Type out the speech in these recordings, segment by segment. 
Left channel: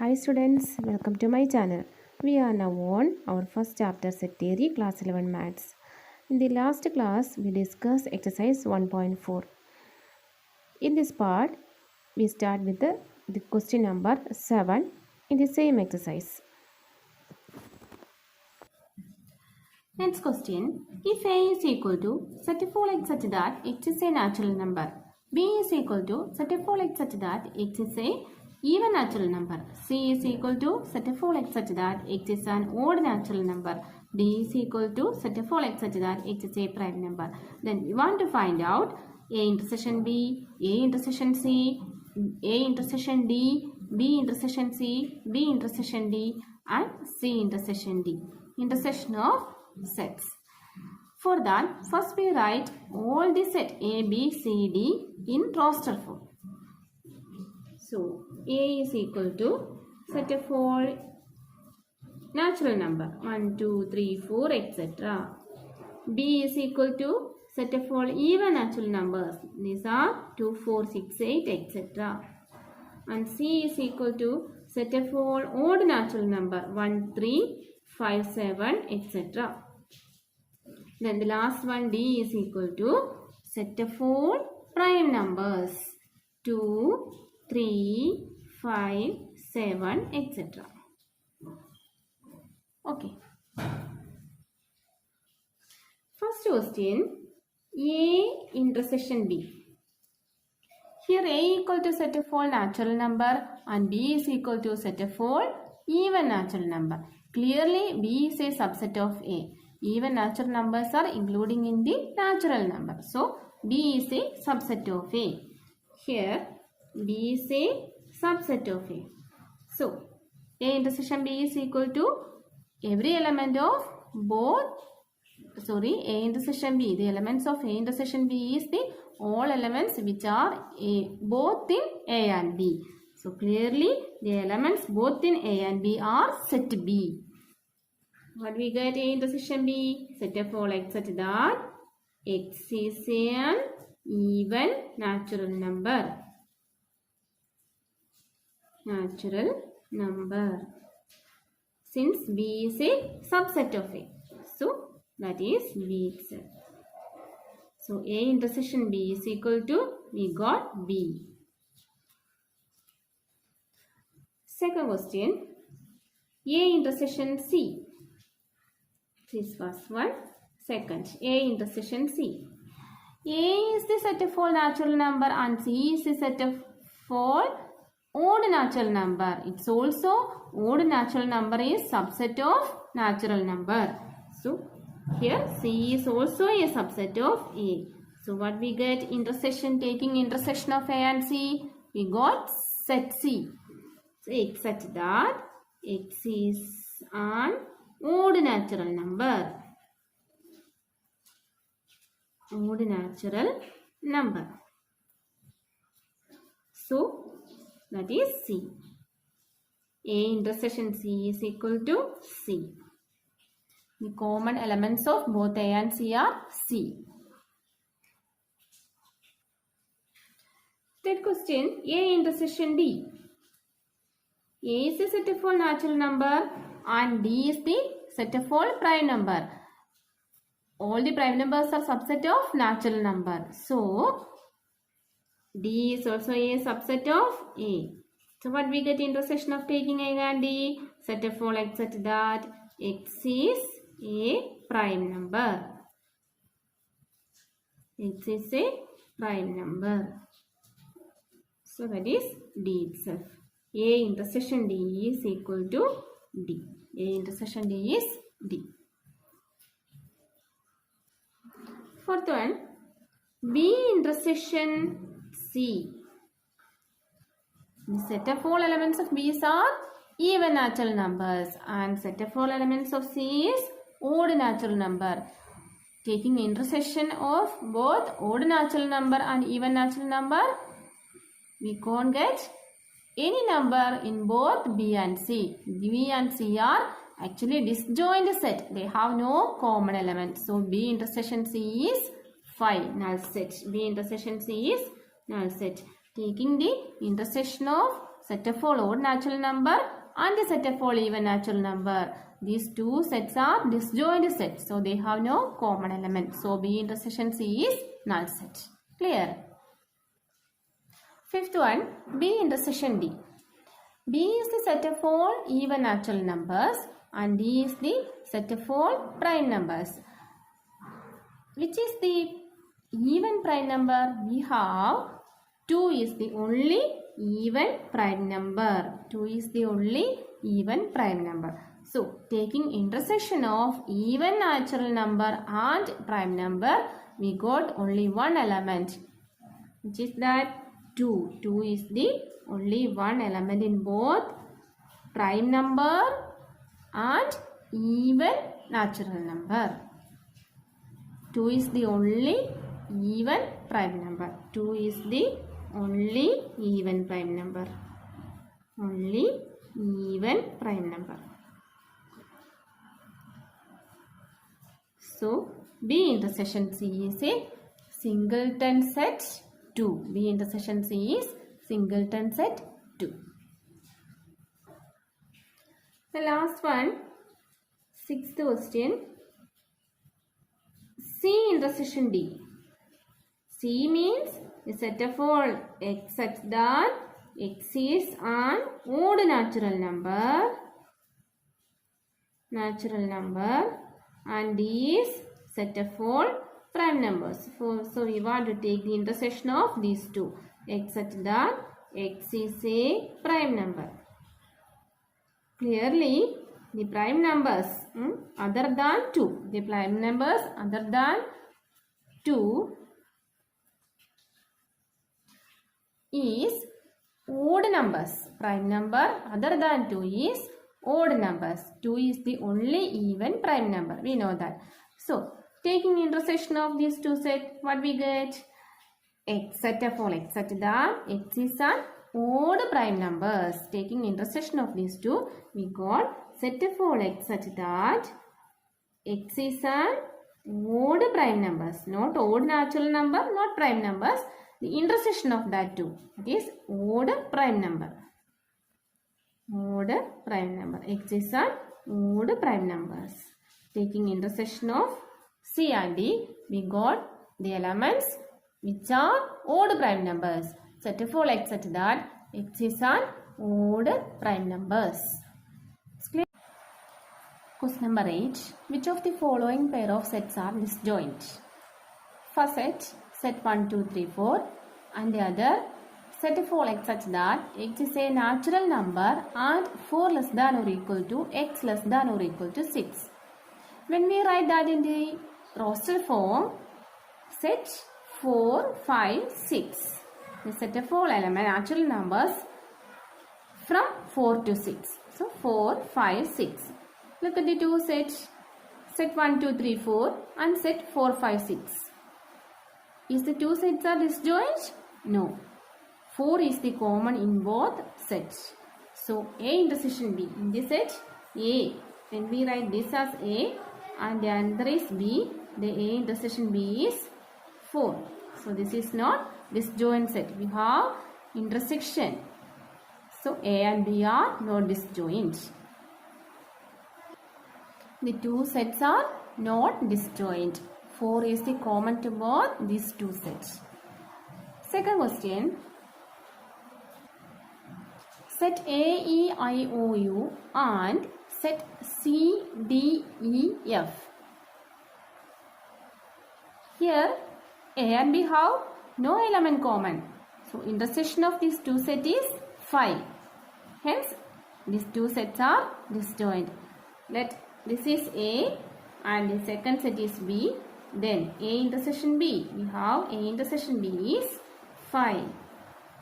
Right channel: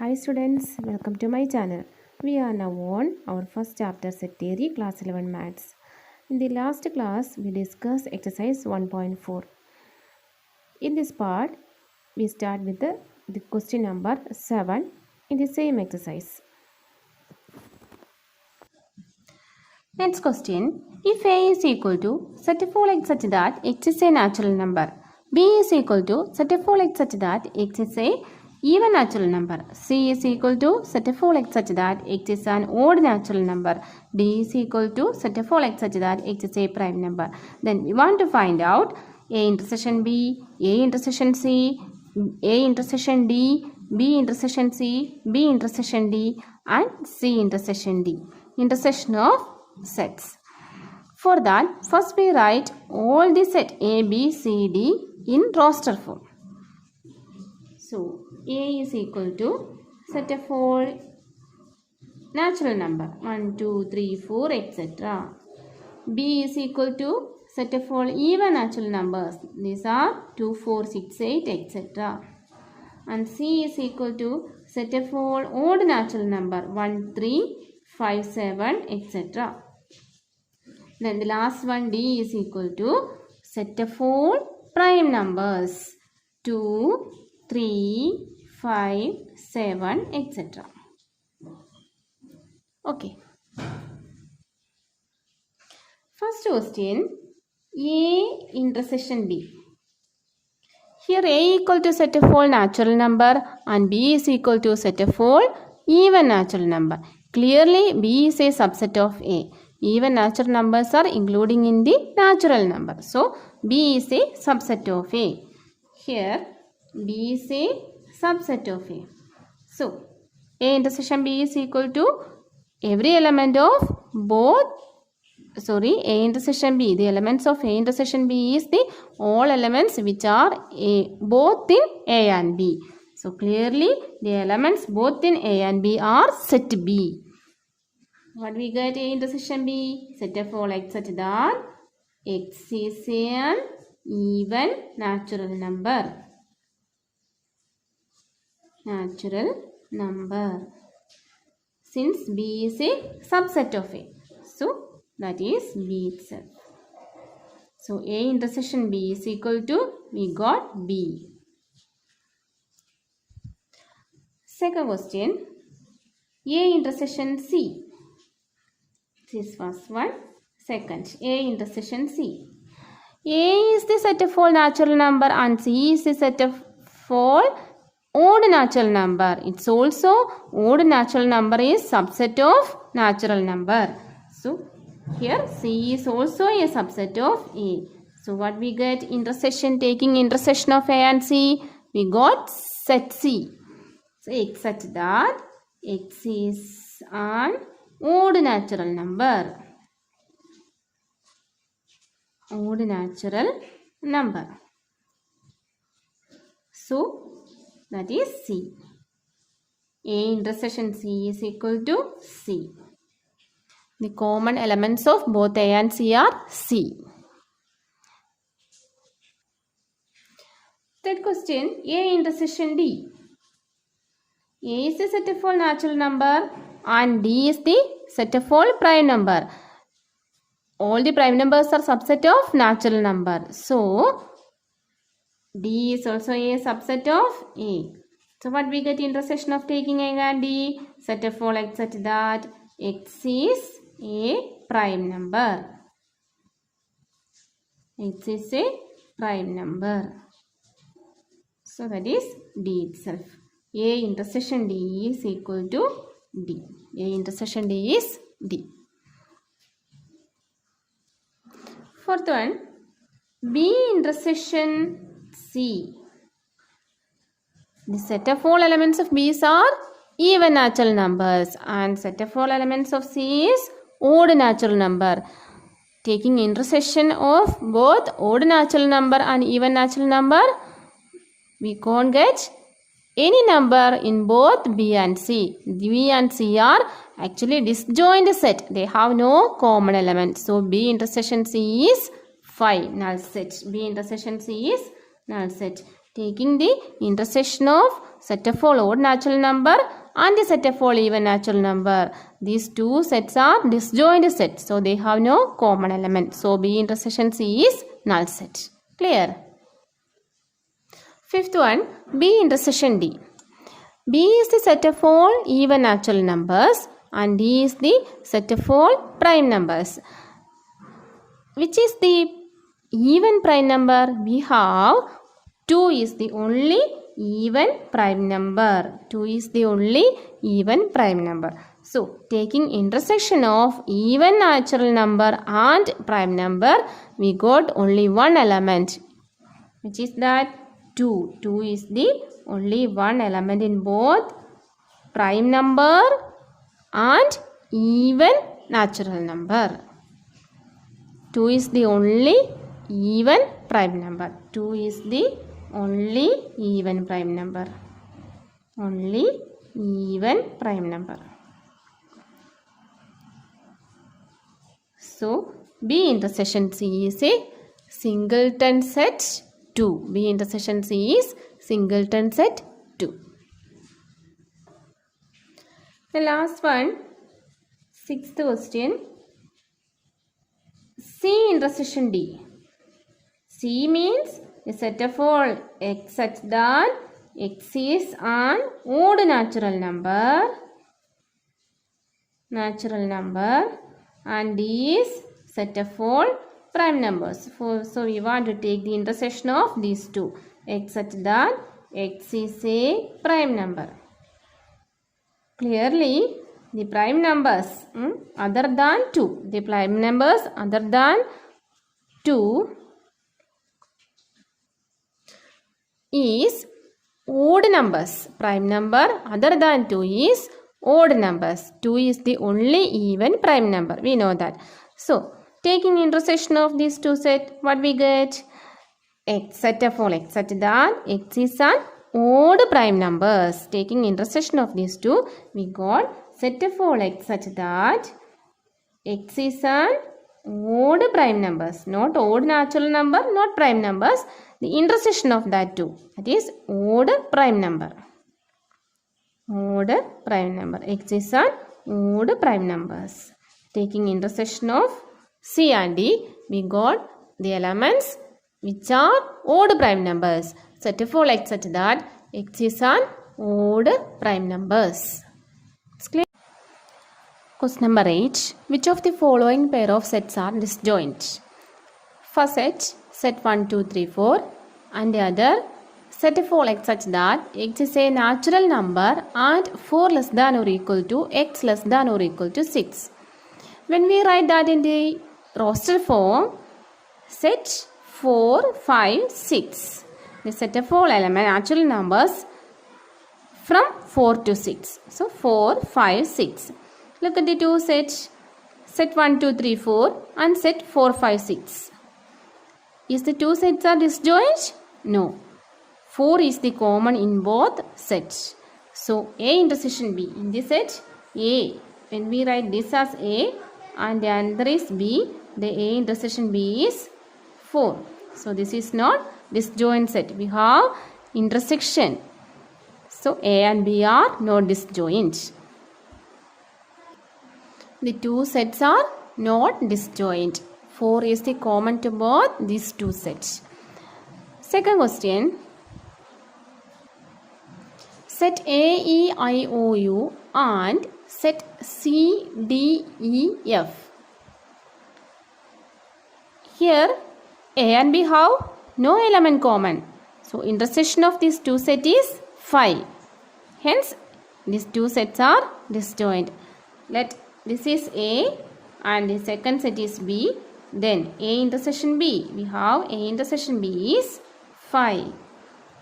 Hi students, welcome to my channel. We are now on our first chapter set theory class 11 maths. In the last class we discussed exercise 1.4. In this part we start with the question number 7 in the same exercise. Next question, if A is equal to set a x such that x is a natural number, B is equal to set a x such that x is a even natural number, C is equal to set a x such that x is an odd natural number, D is equal to set a x such that x is a prime number. Then we want to find out A intersection B, A intersection C, A intersection D, B intersection C, B intersection D and C intersection D. Intersection of sets. For that, first we write all the set A, B, C, D in roster form. So, A is equal to set of all natural number 1, 2, 3, 4, etc. B is equal to set of all even natural numbers. These are 2, 4, 6, 8, etc. And C is equal to set of all odd natural number 1, 3, 5, 7, etc. Then the last one D is equal to set of all prime numbers 2, 3, 5, 7, etc. Okay. First question, A intersection B. Here A equal to set of all natural number and B is equal to set of all even natural number. Clearly B is a subset of A. Even natural numbers are including in the natural number. So B is a subset of A. Here B is a subset of A. So A intersection B is equal to every element of A intersection B. The elements of A intersection B is the all elements which are both in A and B. So clearly the elements both in A and B are set B. What we get A intersection B? Set of all x such that x is an even natural number. Since B is a subset of A. So that is B itself. So A intersection B is equal to, we got B. Second question, A intersection C. This first one. Second, A intersection C. A is the set of all natural number and C is the set of all odd natural number. It's also odd natural number is subset of natural number. So here C is also a subset of A. So what we get? Intersection, taking intersection of A and C, we got set C. So x such that x is an odd natural number. Odd natural number. So that is C. A intersection C is equal to C. The common elements of both A and C are C. Third question, A intersection D. A is the set of all natural number and D is the set of all prime number. All the prime numbers are subset of natural number. So D is also a subset of A. So what we get? Intersection of taking A and D, set of all x such that x is a prime number. X is a prime number. So that is D itself. A intersection D is equal to D. A intersection D is D. Fourth one, B intersection C. The set of all elements of B are even natural numbers and set of all elements of C is odd natural number. Taking intersection of both odd natural number and even natural number, we can't get any number in both B and C. B and C are actually disjoint set. They have no common element. So B intersection C is 5, null set. B intersection C is null set. Taking the intersection of set of all odd natural number and the set of all even natural number. These two sets are disjoint sets. So they have no common element. So B intersection C is null set. Clear? Fifth one, B intersection D. B is the set of all even natural numbers and D is the set of all prime numbers. Which is the even prime number? We have 2 is the only even prime number. 2 is the only even prime number. So, taking intersection of even natural number and prime number, we got only one element. Which is that 2. 2 is the only one element in both prime number and even natural number. 2 is the only even prime number. 2 is the only even prime number. Only even prime number. So, B intersection C is a singleton set 2. B intersection C is singleton set 2. The last one, sixth question. C intersection D. C means a set of all x such that x is an odd natural number and D is set of all prime numbers. So we want to take the intersection of these two, x such that x is a prime number. Clearly, the prime numbers other than 2, the prime numbers other than 2 is odd numbers. Prime number other than 2 is odd numbers. 2 is the only even prime number. We know that. So, taking intersection of these two sets, what we get? X set of all x such that x is an odd prime numbers. Taking intersection of these two, we got set of all x such that x is an odd prime numbers. Not odd natural number, not prime numbers. The intersection of that two, that is odd prime number. Odd prime number. X is an odd prime numbers. Taking intersection of C and D, we got the elements which are odd prime numbers. Set of all x such that x is an odd prime numbers. It's clear? Question number 8. Which of the following pair of sets are disjoint? First set 1, 2, 3, 4 and the other set of all x such that x is a natural number and 4 less than or equal to x less than or equal to 6. When we write that in the roster form, set 4, 5, 6. The set of all natural numbers from 4 to 6. So 4, 5, 6. Look at the two sets. Set 1, 2, 3, 4 and set 4, 5, 6. Is the two sets are disjoint? No. 4 is the common in both sets. So A intersection B. In this set A. When we write this as A and the answer is B, the A intersection B is 4. So this is not disjoint set. We have intersection. So A and B are not disjoint. The two sets are not disjoint. 4 is the common to both these two sets. Second question. Set A, E, I, O, U and set C, D, E, F. Here A and B have no element common. So intersection of these two sets is 5. Hence these two sets are disjoint. Let this is A and the second set is B. Then A intersection B. We have A intersection B is 5.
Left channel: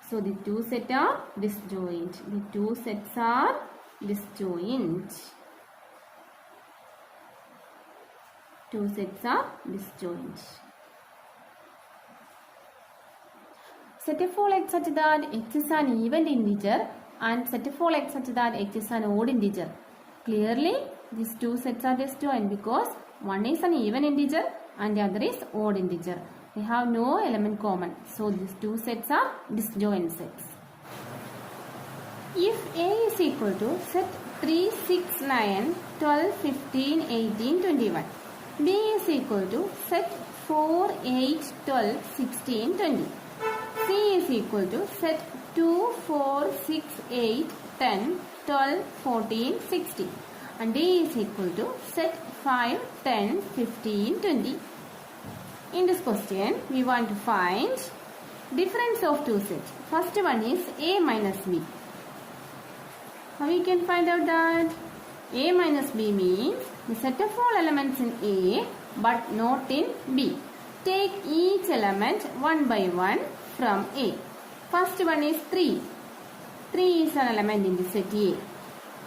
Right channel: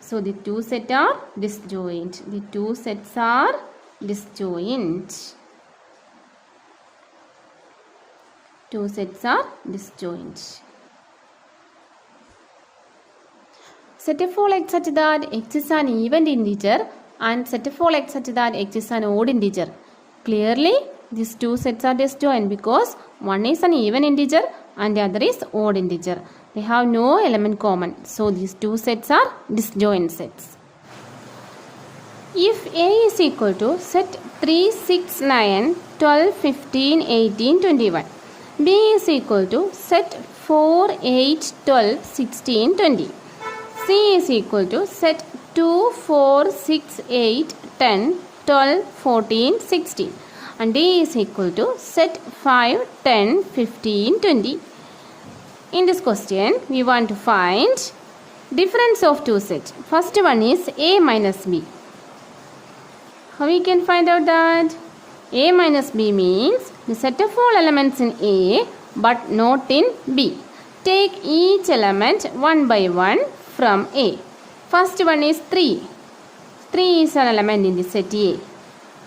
So the two sets are disjoint. The two sets are disjoint. Two sets are disjoint. Set of all x such that x is an even integer and set of all x such that x is an odd integer. Clearly, these two sets are disjoint because one is an even integer and the other is odd integer. They have no element common. So, these two sets are disjoint sets. If A is equal to set 3, 6, 9, 12, 15, 18, 21. B is equal to set 4, 8, 12, 16, 20. C is equal to set 2, 4, 6, 8, 10, 12, 14, 16. And D is equal to set 5, 10, 15, 20. In this question, we want to find difference of two sets. First one is A minus B. How we can find out that? A minus B means the set of all elements in A but not in B. Take each element one by one from A. First one is 3. 3 is an element in the set A.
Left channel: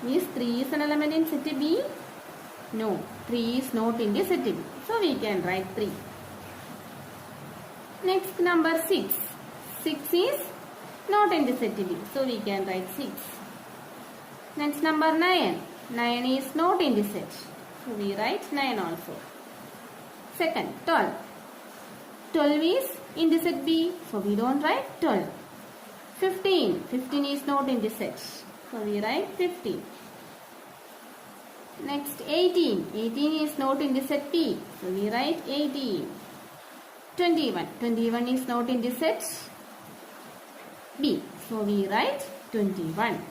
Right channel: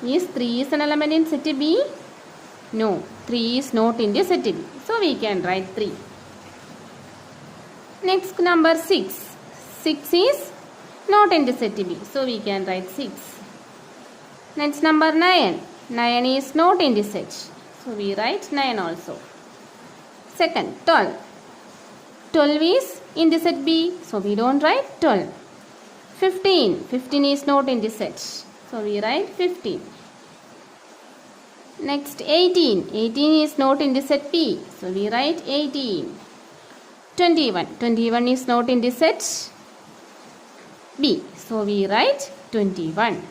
Is 3 is an element in set B? No, 3 is not in the set B. So we can write 3. Next number 6. 6 is not in the set B. So we can write 6. Next number 9. 9 is not in the set. So we write 9 also. Second, 12. 12 is in the set B. So we don't write 12. 15. 15 is not in the set. So we write 15. Next 18. 18 is not in the set B. So we write 18. 21. 21 is not in the set B. So we write 21.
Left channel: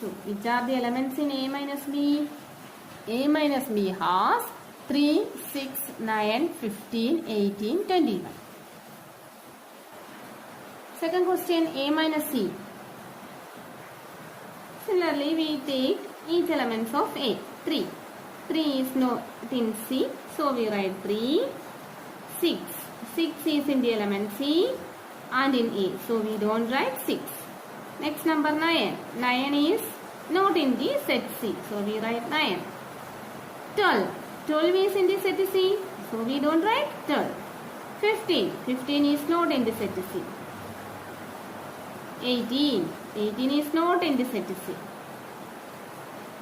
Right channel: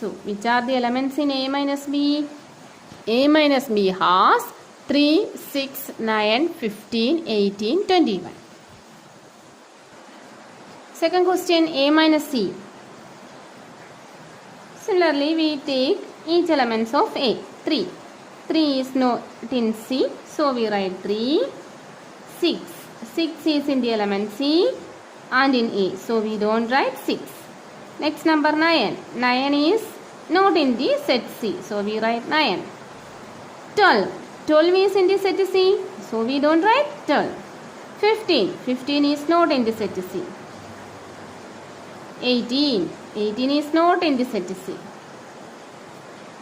So, which are the elements in A minus B? A minus B has 3, 6, 9, 15, 18, 21. Second question, A minus C. Similarly, we take each elements of A. 3. 3 is not in C. So, we write 3. 6. 6 is in the element C and in A. So, we don't write 6. Next number 9. 9 is not in the set C. So we write 9. 12. 12 is in the set C. So we don't write 12. 15. 15 is not in the set C. 18. 18 is not in the set C.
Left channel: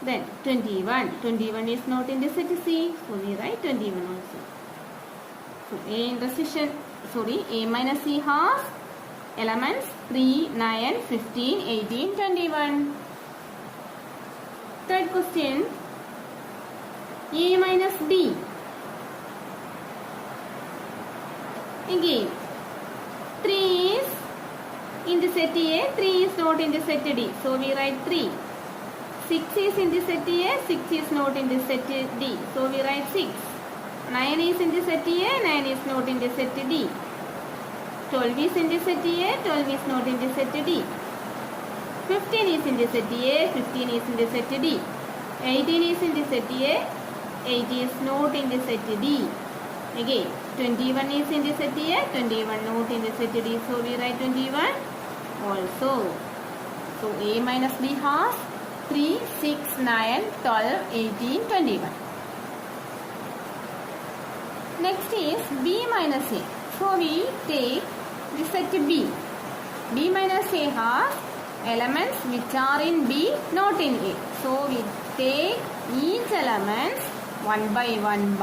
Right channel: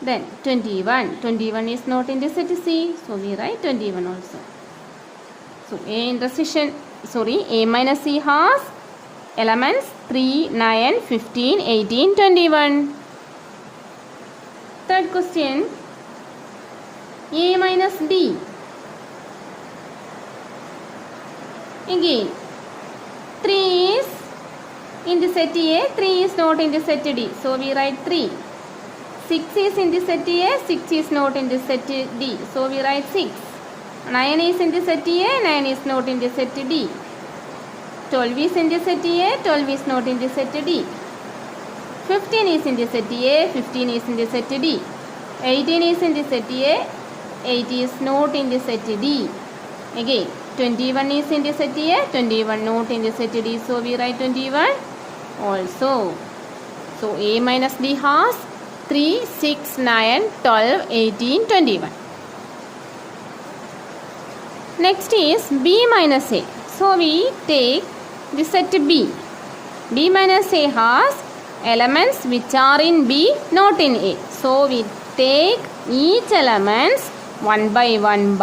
Then 21. 21 is not in the set C. So we write 21 also. So A minus C has elements 3, 9, 15, 18, 21. Third question, A minus D. Again, 3 is in the set A, 3 is not in the set D. So we write 3. 6 is in the set A, 6 is not in the set D. So we write 6. 9 is in the set A, 9 is not in the set D. 12 is in the set A, 12 is not in the set D. 15 is in the set A, 15 is in the set D. 18 is in the set A, 8 is not in the set D. Again, 21 is in the set A, 21 not in the set D. So we write 21 also. So A minus B has 3, 6, 9, 12, 18, 21. Next is B minus A. So we take the set B. B minus A has elements which are in B, not in A. So we take each elements one by one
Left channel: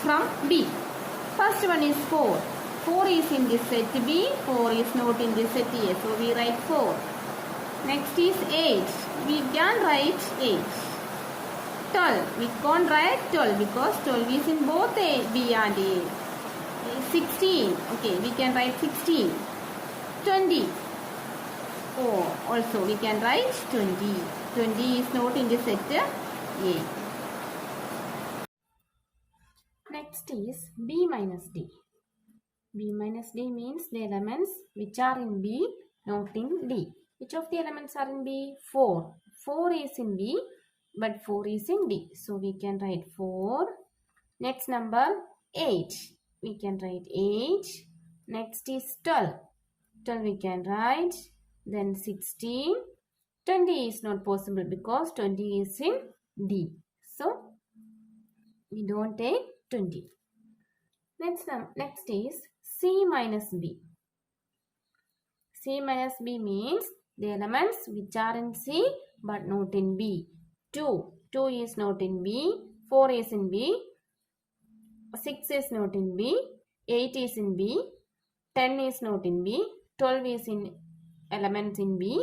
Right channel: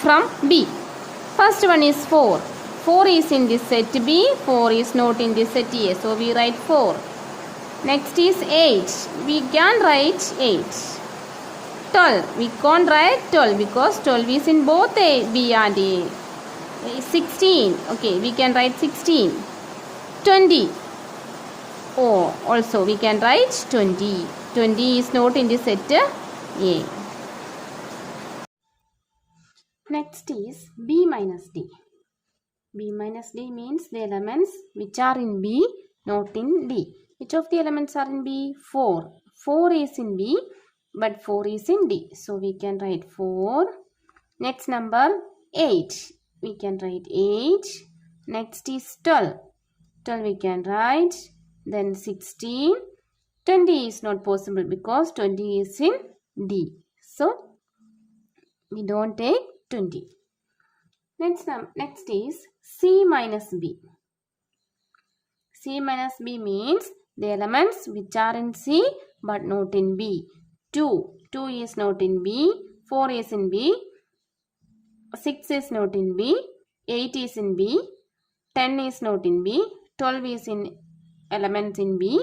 from B. First one is 4. 4 is in the set B, 4 is not in the set A. So we write 4. Next is 8. We can write 8. 12. We can't write 12 because 12 is in both A, B and A. 16. Okay, we can write 16. 20. Oh, also we can write 20. 20 is not in the set A. Next is B minus D. B minus D means the elements which are in B, not in D. Which of the elements are in B? 4. 4 is in B, but 4 is in D. So we can write 4. Next number 8. We can write 8. Next is 12. 12 we can write. Then 16. 20 is not possible because 20 is in D. So we don't take 20. Next is C minus B. C minus B means the elements which are in C but not in B. 2. 2 is not in B. 4 is in B. 6 is not in B. 8 is in B. 10 is not in B. 12 is in elements in B.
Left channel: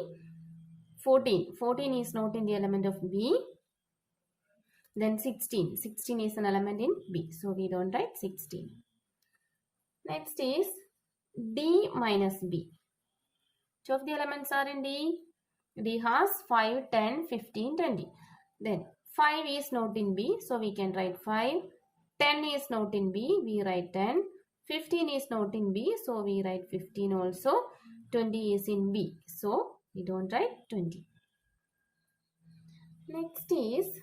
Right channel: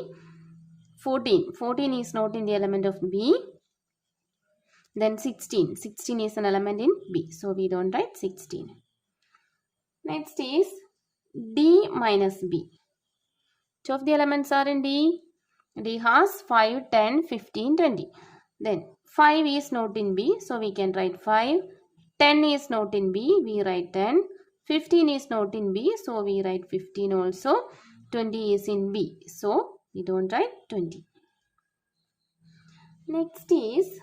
14 is not in the element of B. Then 16 is an element in B. So we don't write 16. Next is D minus B. Two of the elements are in D. D has 5, 10, 15, 20. Then 5 is not in B. So we can write 5. 10 is not in B. We write 10. 15 is not in B. So we write 15 also. 20 is in B. So we don't write 20. Next is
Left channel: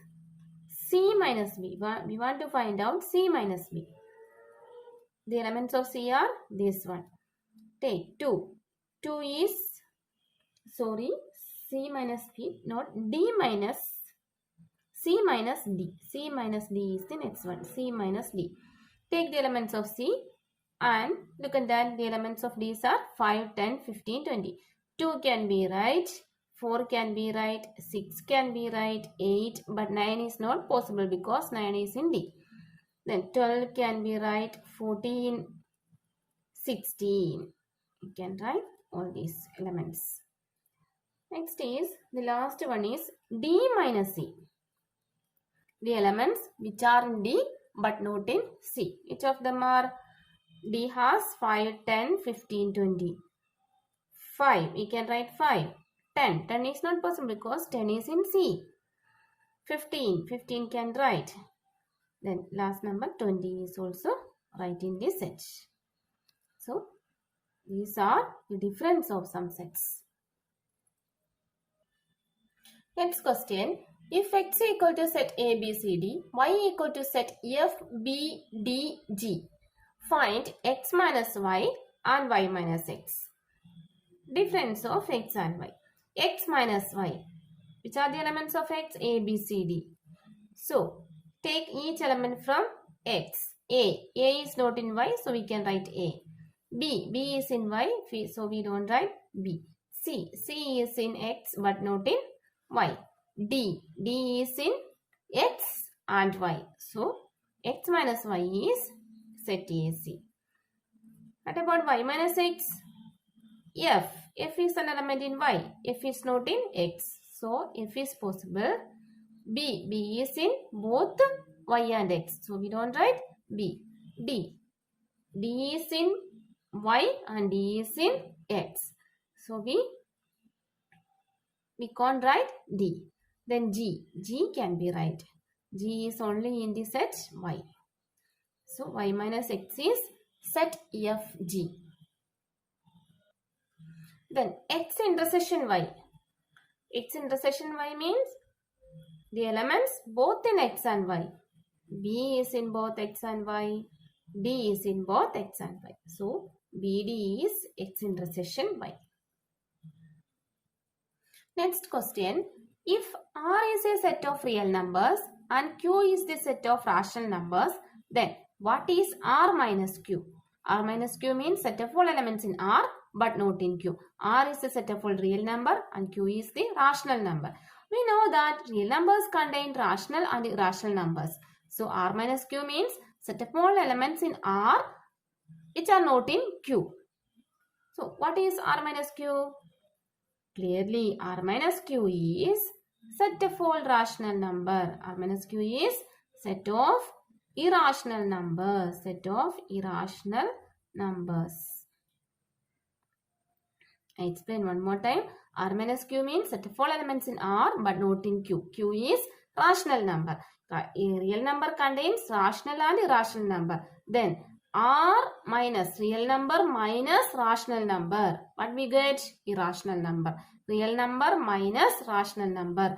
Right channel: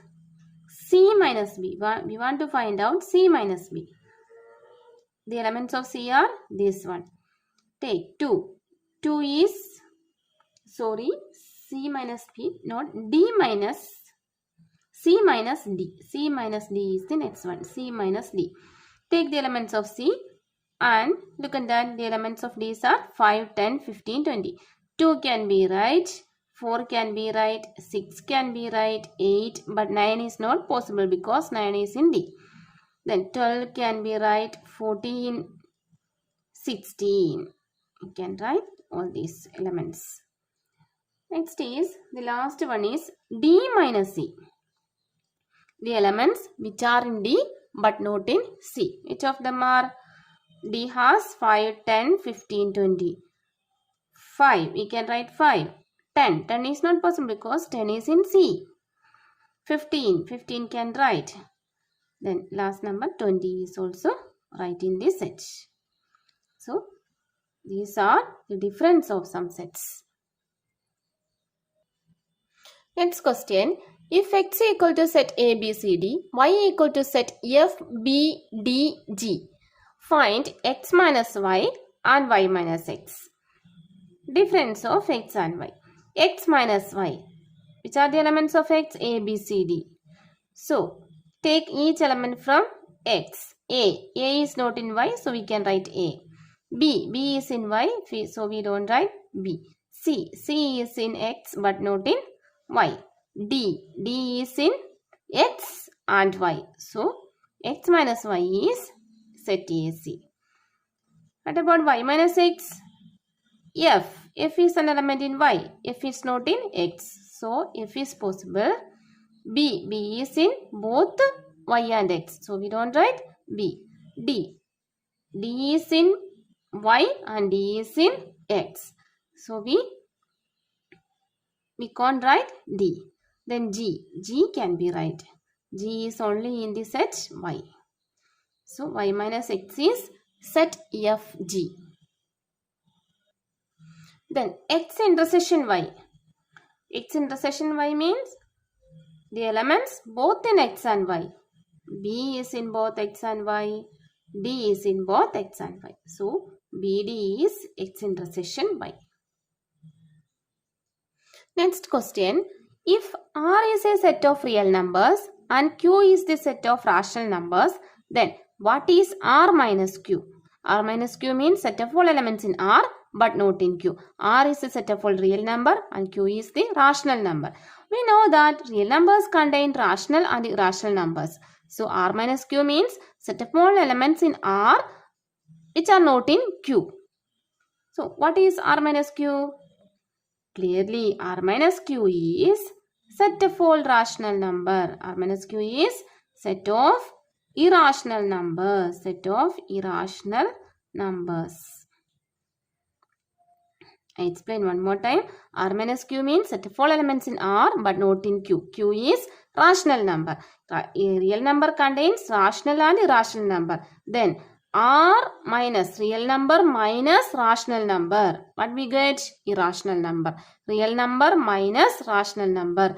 C minus B. We want to find out C minus B. The elements of C are this one. Take 2. 2 is, sorry, C minus B, not D minus, C minus D. C minus D is the next one. C minus D. Take the elements of C and look at that. The elements of D are 5, 10, 15, 20. 2 can be right. 4 can be right. 6 can be right. 8. But 9 is not possible because 9 is in D. Then 12 can be right. 14, 16. You can write all these elements. Next is, the last one is D minus C. The elements which are in D but not in C. Which of them are? D has 5, 10, 15, 20. 5. We can write 5. 10. 10 is not possible because 10 is in C. 15. 15 can write. Then last number 20 is also right in this set. So these are the difference of some sets. Next question. If x equal to set A, B, C, D, y equal to set F, B, D, G, find x minus y and y minus x. Difference of x and y. X minus y. Which are the elements of x? A, B, C, D. So, take each element from x. A is not in y, so we can write A. B is in y, so we don't write B. C is in x but not in y. D is in x and y. So, x minus y is set AC. What about y minus x? F is an element in y. F is not in x. So, F is possible. B is in both y and x. So, we don't write B. D is in y and D is in x. So, we can't write D. Then G can be right. G is only in the set y. So, y minus x is set FG. Then x intersection y. X intersection y means the elements both in x and y. B is in both x and y. D is in both x and y. So, BD is x intersection y. Next question. If R is a set of real numbers and Q is the set of rational numbers, then what is R minus Q? R minus Q means set of all elements in R but not in Q. R is a set of all real number and Q is the rational number. We know that real numbers contain rational and irrational numbers. So, R minus Q means set of all elements in R which are not in Q. So, what is R minus Q? Clearly, R minus Q is set of all rational number. R minus Q is set of irrational numbers. Set of irrational numbers. I explain one more time. R minus Q means set of all elements in R but not in Q. Q is rational number. A real number contains rational and irrational number. Then R minus real number minus rational number. What we get? Irrational number. Real number minus rational number.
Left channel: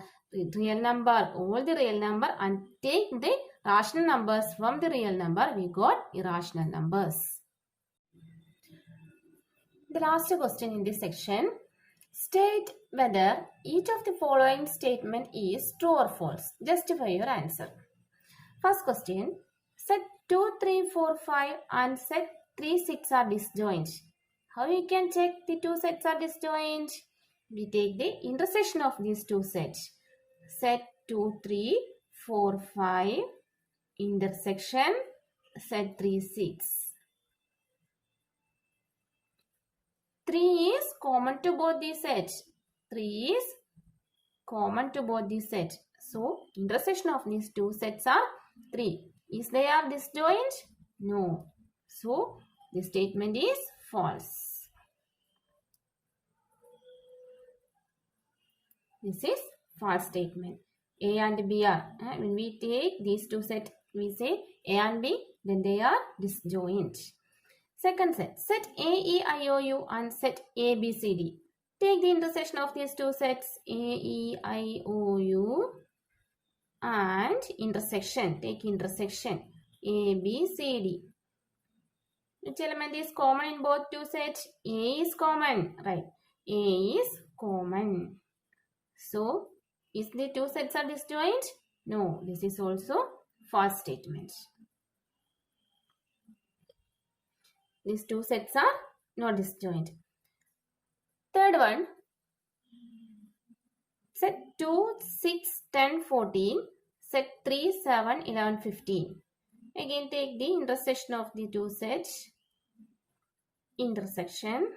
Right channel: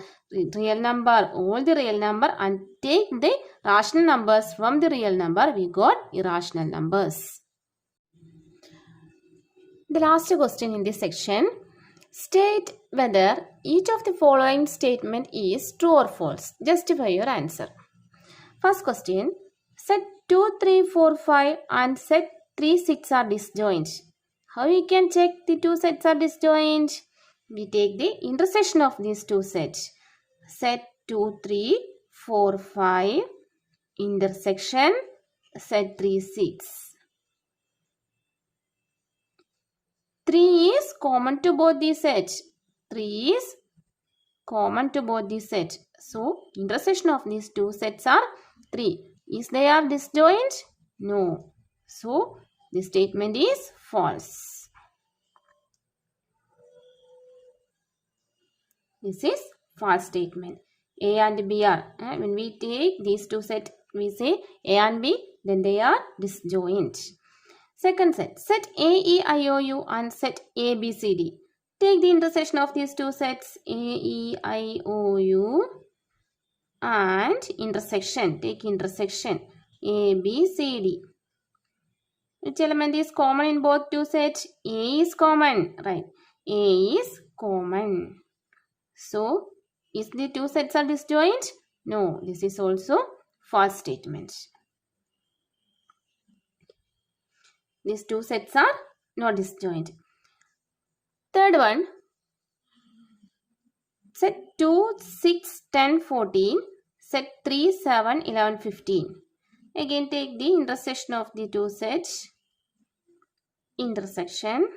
Real number, all the real number and take the rational numbers from the real number. We got irrational numbers. The last question in this section. State whether each of the following statement is true or false. Justify your answer. First question. Set 2, 3, 4, 5 and set 3, 6 are disjoint. How we can check the two sets are disjoint? We take the intersection of these two sets. Set 2, 3, 4, 5 intersection set 3, 6. 3 is common to both the sets. 3 is common to both the sets. So, intersection of these two sets are 3. Is they are disjoint? No. So, the statement is false. This is false statement. A and B are, when we take these two sets, we say A and B, then they are disjoint. Second set, set A, E, I, O, U and set A, B, C, D. Take the intersection of these two sets A, E, I, O, U and intersection. Take intersection A, B, C, D. Which element is common in both two sets? A is common, right? A is common. So, is the two sets are disjoint? No, this is also false statement. These two sets are not disjoint. Third one, set 2, 6, 10, 14, set 3, 7, 11, 15. Again, take the intersection of the two sets. Intersection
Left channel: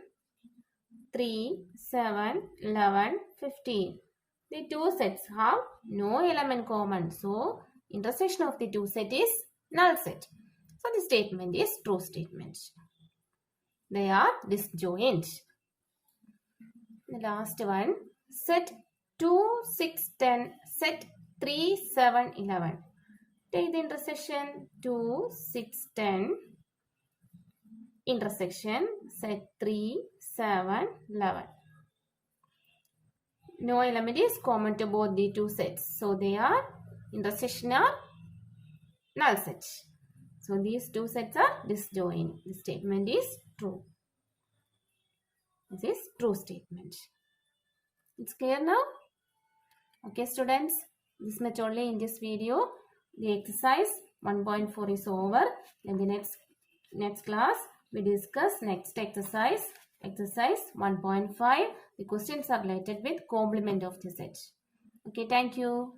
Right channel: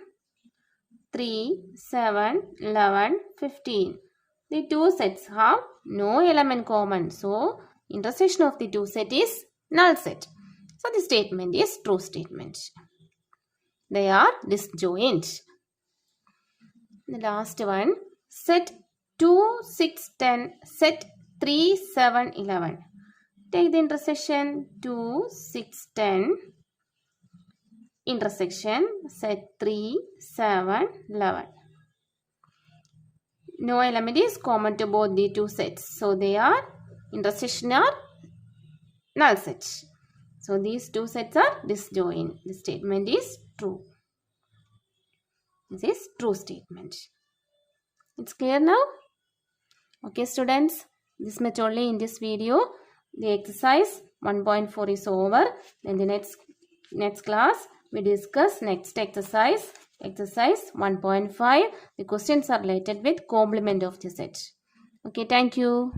3, 7, 11, 15. The two sets have no element common. So, intersection of the two set is null set. So, the statement is true statement. They are disjoint. The last one, set 2, 6, 10, set 3, 7, 11. Take the intersection 2, 6, 10. Intersection set 3, 7, 11. No element is common to both the two sets. So, they are intersection are null set. So, these two sets are disjoint. The statement is true. This is true statement. It's clear now? Okay, students. This much only in this video. The exercise 1.4 is over. Then the next class we discuss next exercise. Exercise 1.5. The questions are related with complement of the set. Okay, thank you.